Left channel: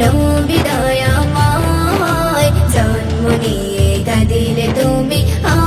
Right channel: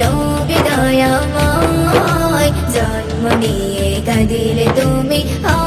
নবী দয়াময় জন্ম নিয়ে কাঁদিলে তুমি হয়